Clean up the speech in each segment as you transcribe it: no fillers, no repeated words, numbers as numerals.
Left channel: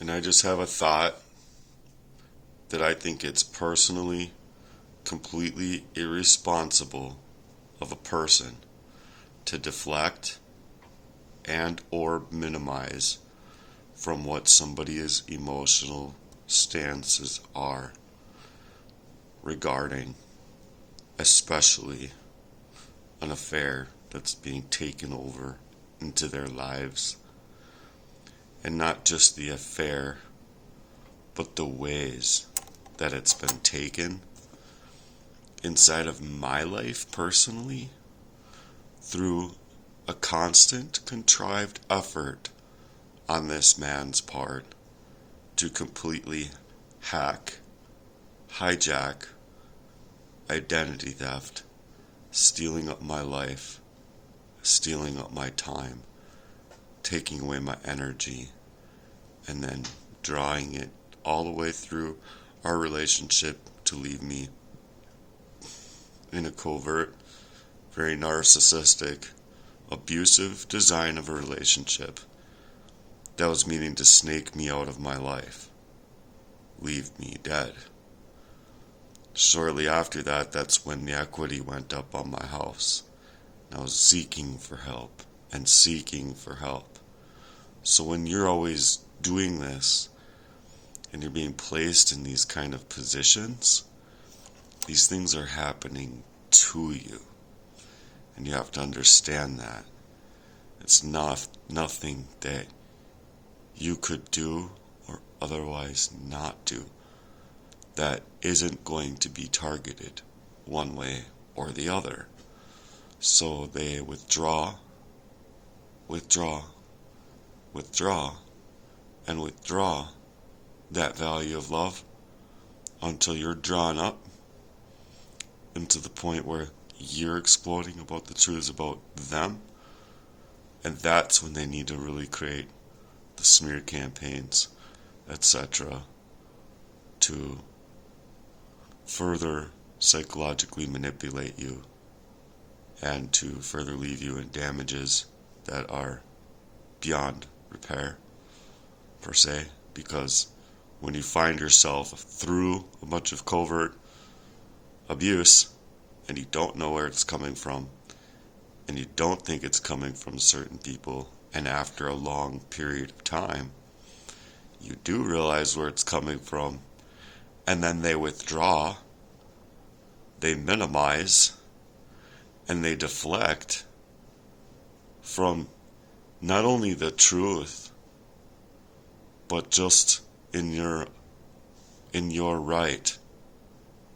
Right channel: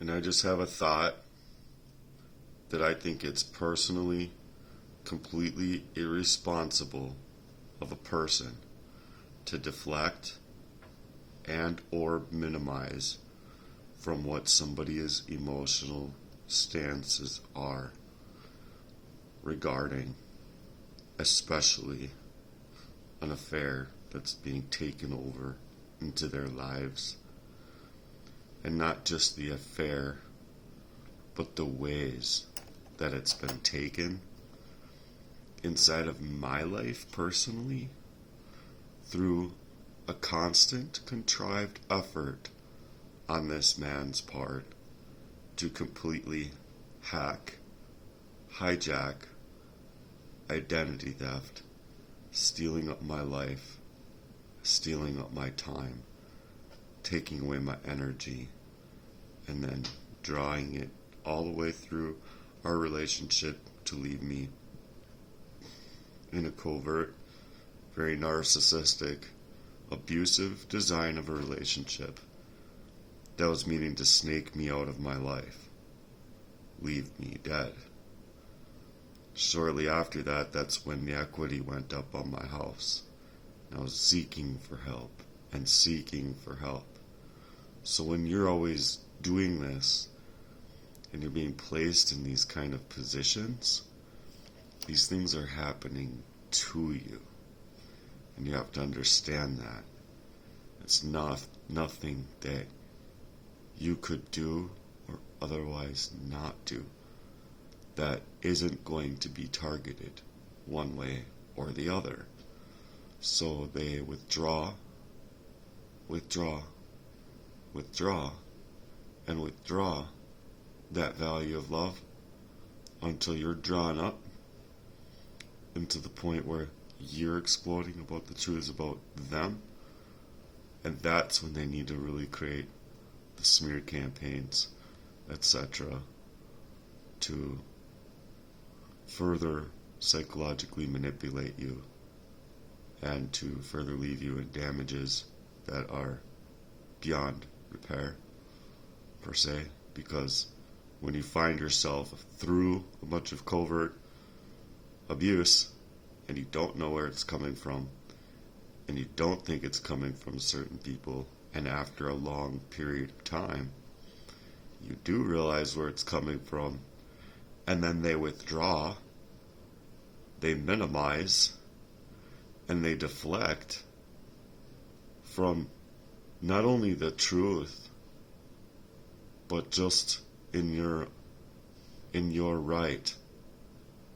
And I just have a thought that I think it's personally completely irresponsible of a person to deflect and or minimize from what somebody's emotional stances are regarding especially an affair that's being taken over into their lives. And not just the affair, but the ways that it's been taken inside of my life personally through a constant, contrived effort on this man's part to completely hijack, identity theft, stealing up my life, stealing up my time, taking away my energy, and then drawing it all the way through our relationship to leave me in a covert, very narcissistic, abusive design of a relationship that was meaning to snake me out of my life, leave me dead. Shortly after that, that's when the equity went up on my house. I was seeking for help and seeking for help. So when you're always doing this and you're being placed in these kind of positions, these things are happening to you. And you have to understand that. It's nothing that you could do or otherwise not do that isn't going to be targeted one way or the other. So they withdraw, and withdraw that value of love until you're drawn up into the point where you're exploding about the truths about them. And that's when they need to really create the smear campaigns, etc., to further psychologically manipulate you and to further leave you in damages that are beyond repair, per se, because when you find yourself through a bunch of covert abuse and you don't know where it's coming from and you don't think it's coming from certain people, and after a long period of time you do realize where it's coming from, and then they withdraw, they minimize, and they deflect from not only the truth, but just in your right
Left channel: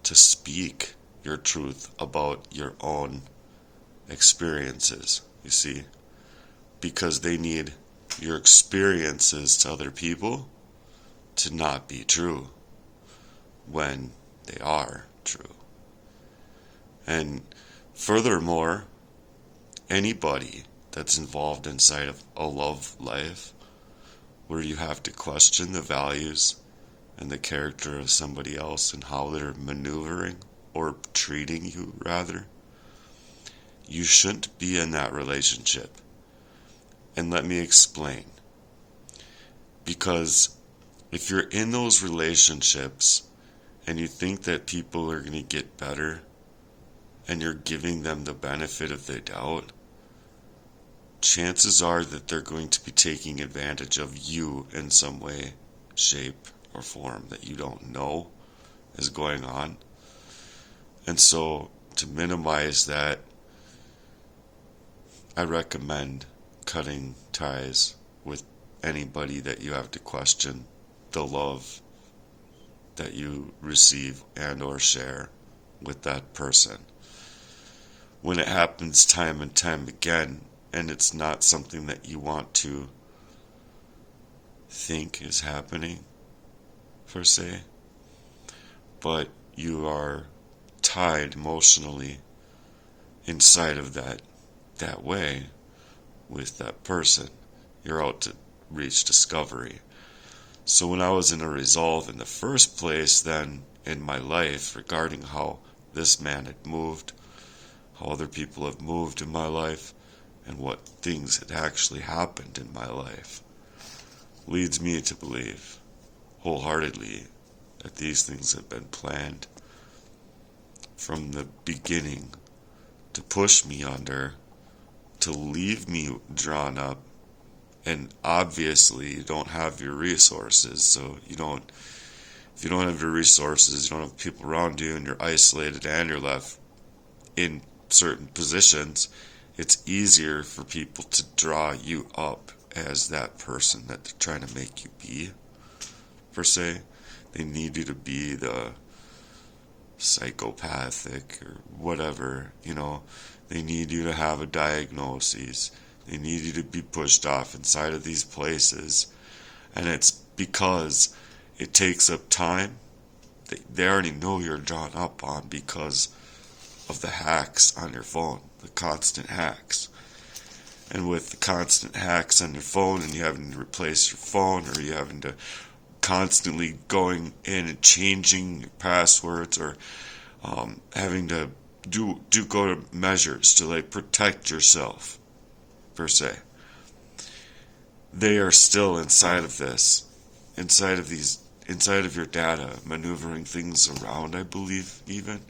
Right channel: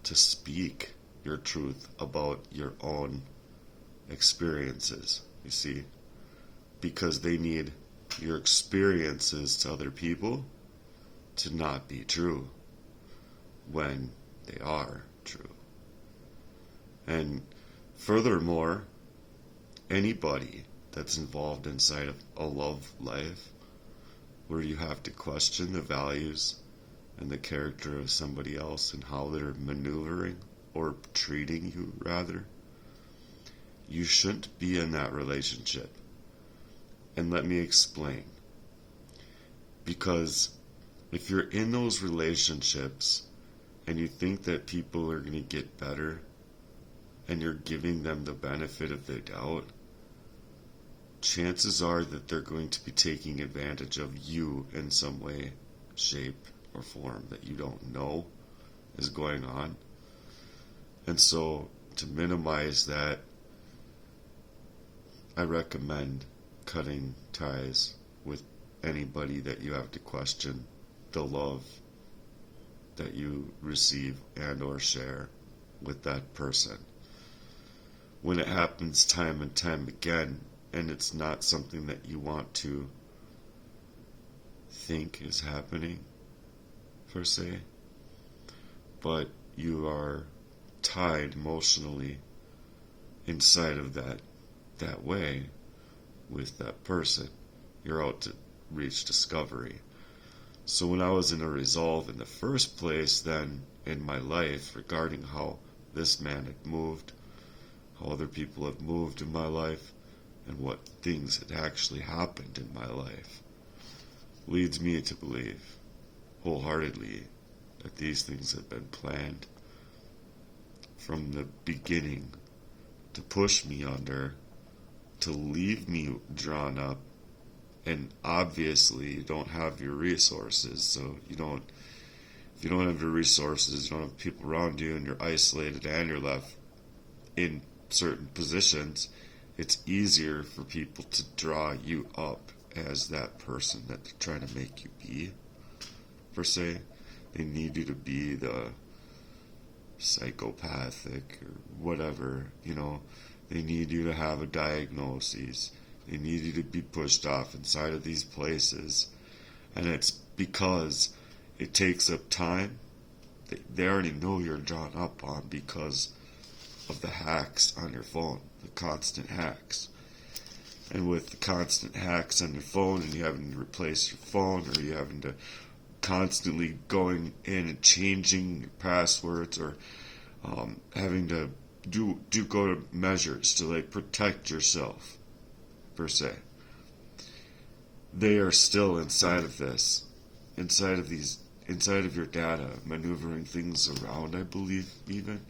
to speak your truth about your own experiences, you see, because they need your experiences to other people to not be true when they are true. And furthermore, anybody that's involved inside of a love life where you have to question the values and the character of somebody else and how they're maneuvering or treating you, rather, you shouldn't be in that relationship. And let me explain. Because if you're in those relationships and you think that people are going to get better and you're giving them the benefit of the doubt, chances are that they're going to be taking advantage of you in some way, shape, or form that you don't know is going on. And so to minimize that, I recommend cutting ties with anybody that you have to question the love that you receive and or share with that person. When it happens time and time again, and it's not something that you want to think is happening, per se, but you are tied emotionally inside of that way with that person, you're out to reach discovery. So when I was in a resolve in the first place then in my life regarding how this man had moved, how other people have moved in my life, and what things had actually happened in my life, leads me to believe wholeheartedly that these things have been planned from the beginning to push me under, to leave me drawn up. And obviously you don't have your resources, so if you don't have your resources, you don't have people around you, and you're isolated and you're left in certain positions, it's easier for people to draw you up as that person that they're trying to make you be, per se. They need you to be the psychopathic or whatever, They need you to have a diagnosis. They need you to be pushed off inside of these places. And it's because it takes up time. They already know you're drawn up on because of the hacks on your phone, the constant hacks. And with the constant hacks on your phone, and you having to replace your phone, or you having to constantly going in and changing your passwords, or having to do go to measures to protect yourself, per se. They are still inside of this, inside of your data, maneuvering things around, I believe, even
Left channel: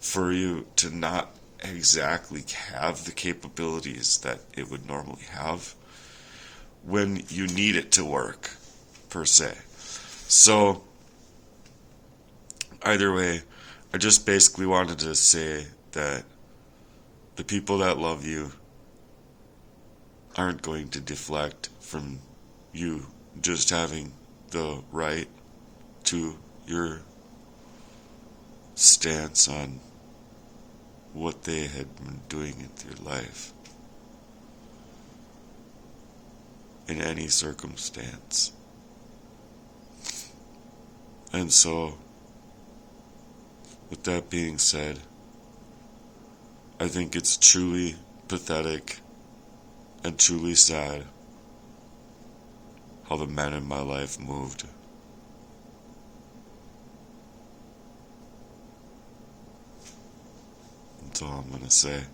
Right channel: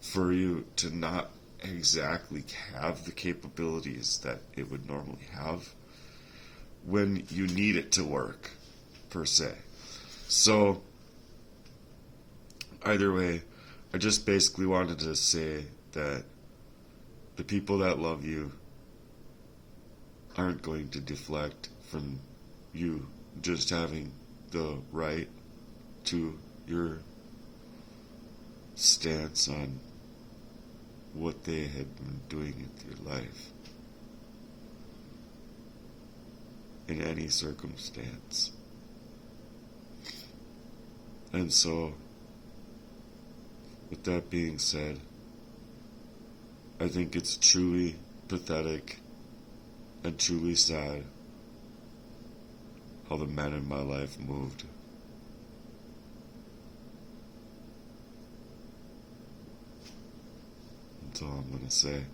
for you to not exactly have the capabilities that it would normally have when you need it to work, per se. So, either way, I just basically wanted to say that the people that love you aren't going to deflect from you just having the right to your stance on what they had been doing in your life in any circumstance. And so, with that being said, I think it's truly pathetic and truly sad how the men in my life moved. That's all I'm gonna say.